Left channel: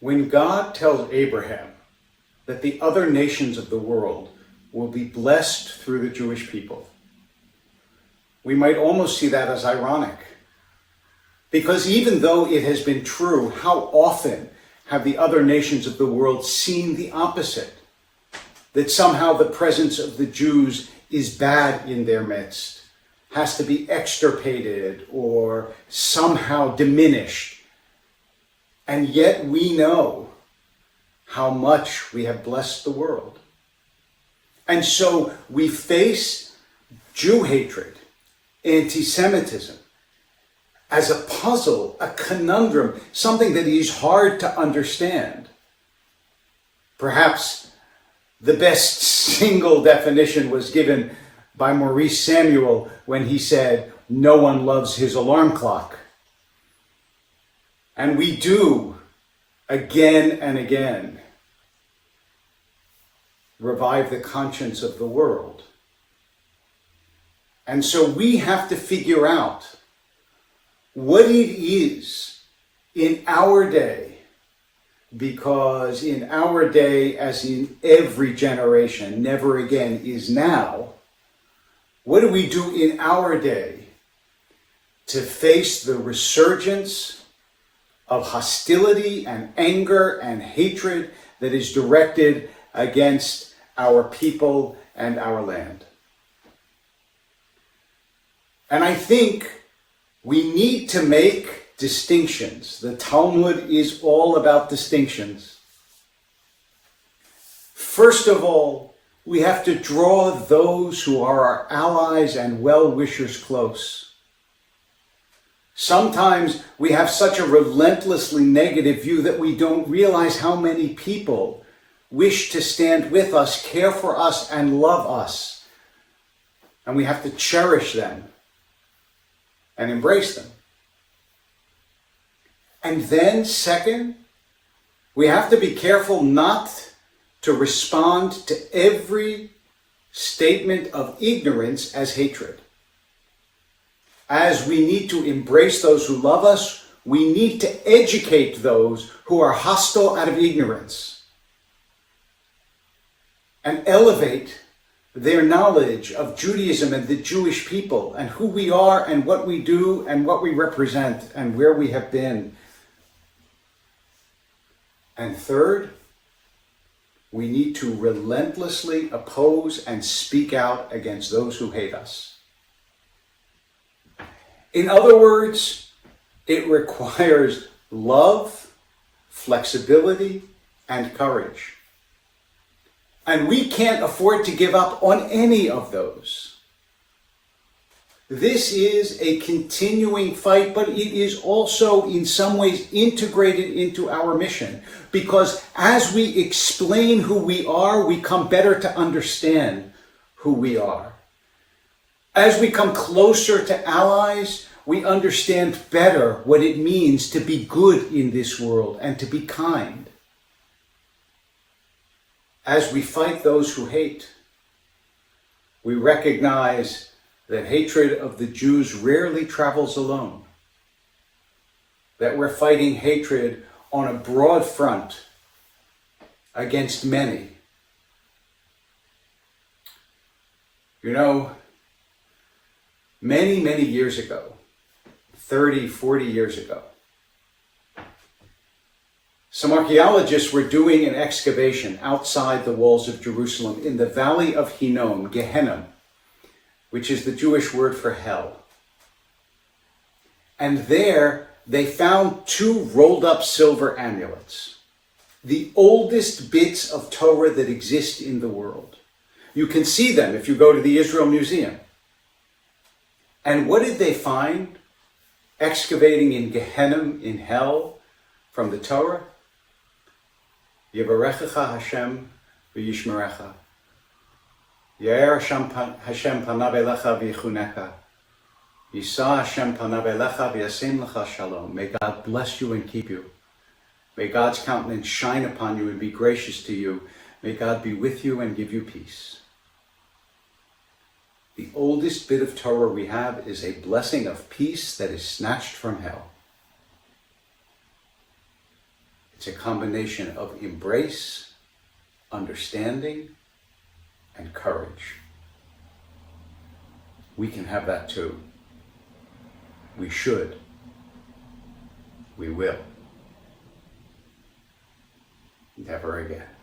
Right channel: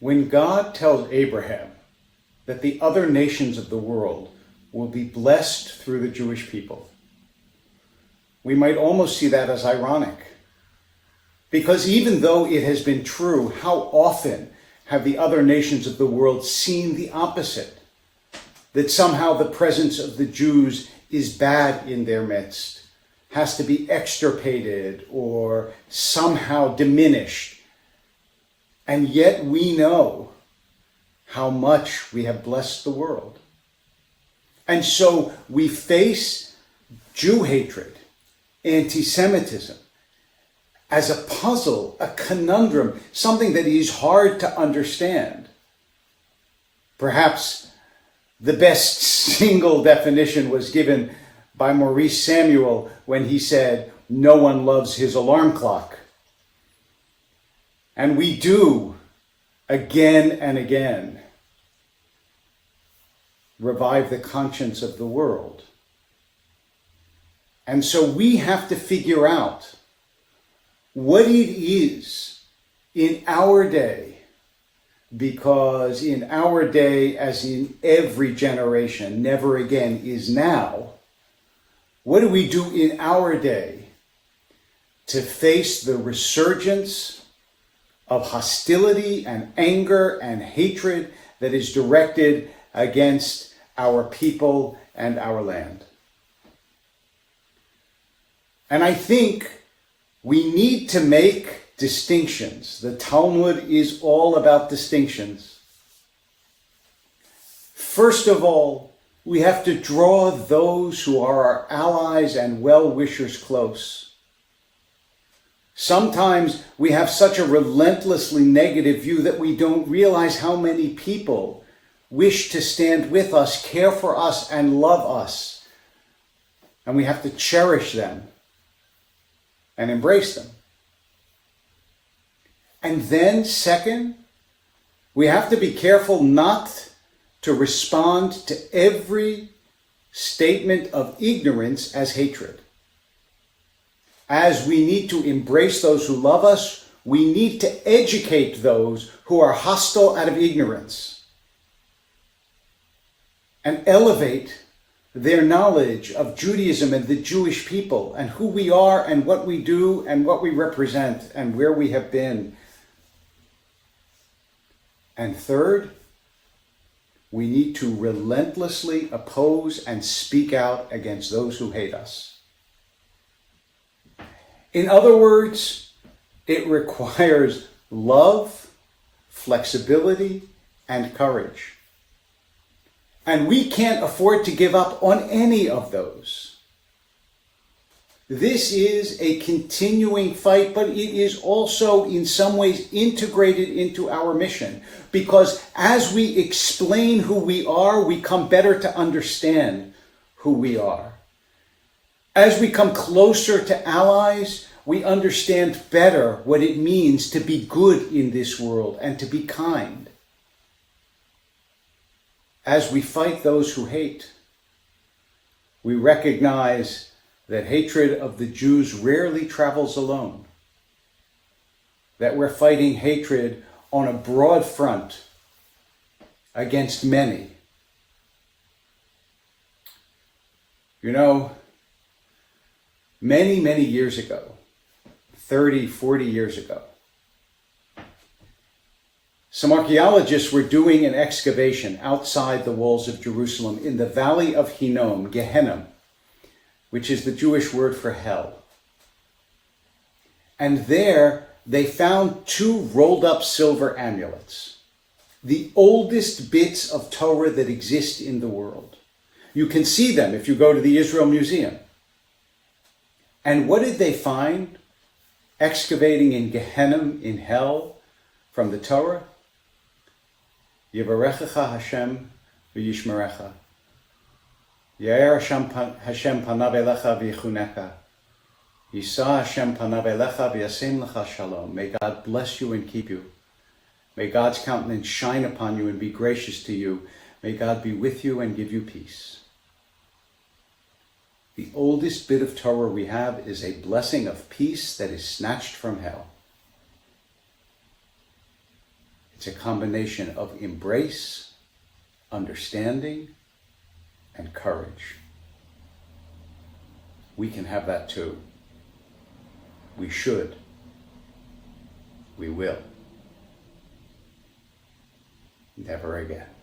When God tells Abraham that the other nations of the world will be blessed through the Jewish people, we might almost see that as ironic. Because even though it has been true, how often have the other nations of the world seen the opposite? That somehow the presence of the Jews is bad in their midst, has to be extirpated or somehow diminished. And yet we know how much we have blessed the world. And so we face Jew hatred, anti-Semitism, as a puzzle, a conundrum, something that is hard to understand. Perhaps the best single definition was given by Maurice Samuel when he said, "No one loves his alarm clock." And we do, again and again, revive the conscience of the world. And so we have to figure out what it is in our day, because in our day, as in every generation, never again is now. What do we do in our day to face the resurgence of hostility and anger and hatred that is directed against our people and our land? And I think we need to make distinctions. The Talmud is all about distinctions. First of all, we have to draw those who are our allies and well-wishers close. Sometimes we have such a relentlessly negative view that we don't realize how many people wish to stand with us, care for us, and love us. And we have to cherish them and embrace them. And then, second, we have to be careful not to respond to every statement of ignorance as hatred. As we need to embrace those who love us, we need to educate those who are hostile out of ignorance and elevate their knowledge of Judaism and the Jewish people and who we are and what we do and what we represent and where we have been. And third, we need to relentlessly oppose and speak out against those who hate us. In other words, it requires love, flexibility, and courage. And we can't afford to give up on any of those. This is a continuing fight, but it is also in some ways integrated into our mission. Because as we explain who we are, we come better to understand who we are. As we come closer to allies, we understand better what it means to be good in this world and to be kind. As we fight those who hate, we recognize that hatred of the Jews rarely travels alone. That we're fighting hatred on a broad front against many. You know, many years ago, 30, 40 years ago, some archaeologists were doing an excavation outside the walls of Jerusalem in the valley of Hinnom, Gehenna, which is the Jewish word for hell. And there they found 2 rolled up silver amulets, the oldest bits of Torah that exist in the world. You can see them if you go to the Israel Museum. And what did they find excavating in Gehenna, in hell, from the Torah? Yevarechecha Hashem v'yishmerecha. Yair Hashem panav elecha v'yichuneka. Yisa Hashem panav elecha v'yasim lecha shalom. May God bless you and keep you. May God's countenance shine upon you and be gracious to you. May God be with you and give you peace. The oldest bit of Torah we have is a blessing of peace that is snatched from hell. It's a combination of embrace, understanding, and courage. We can have that too. We should. We will. Never again.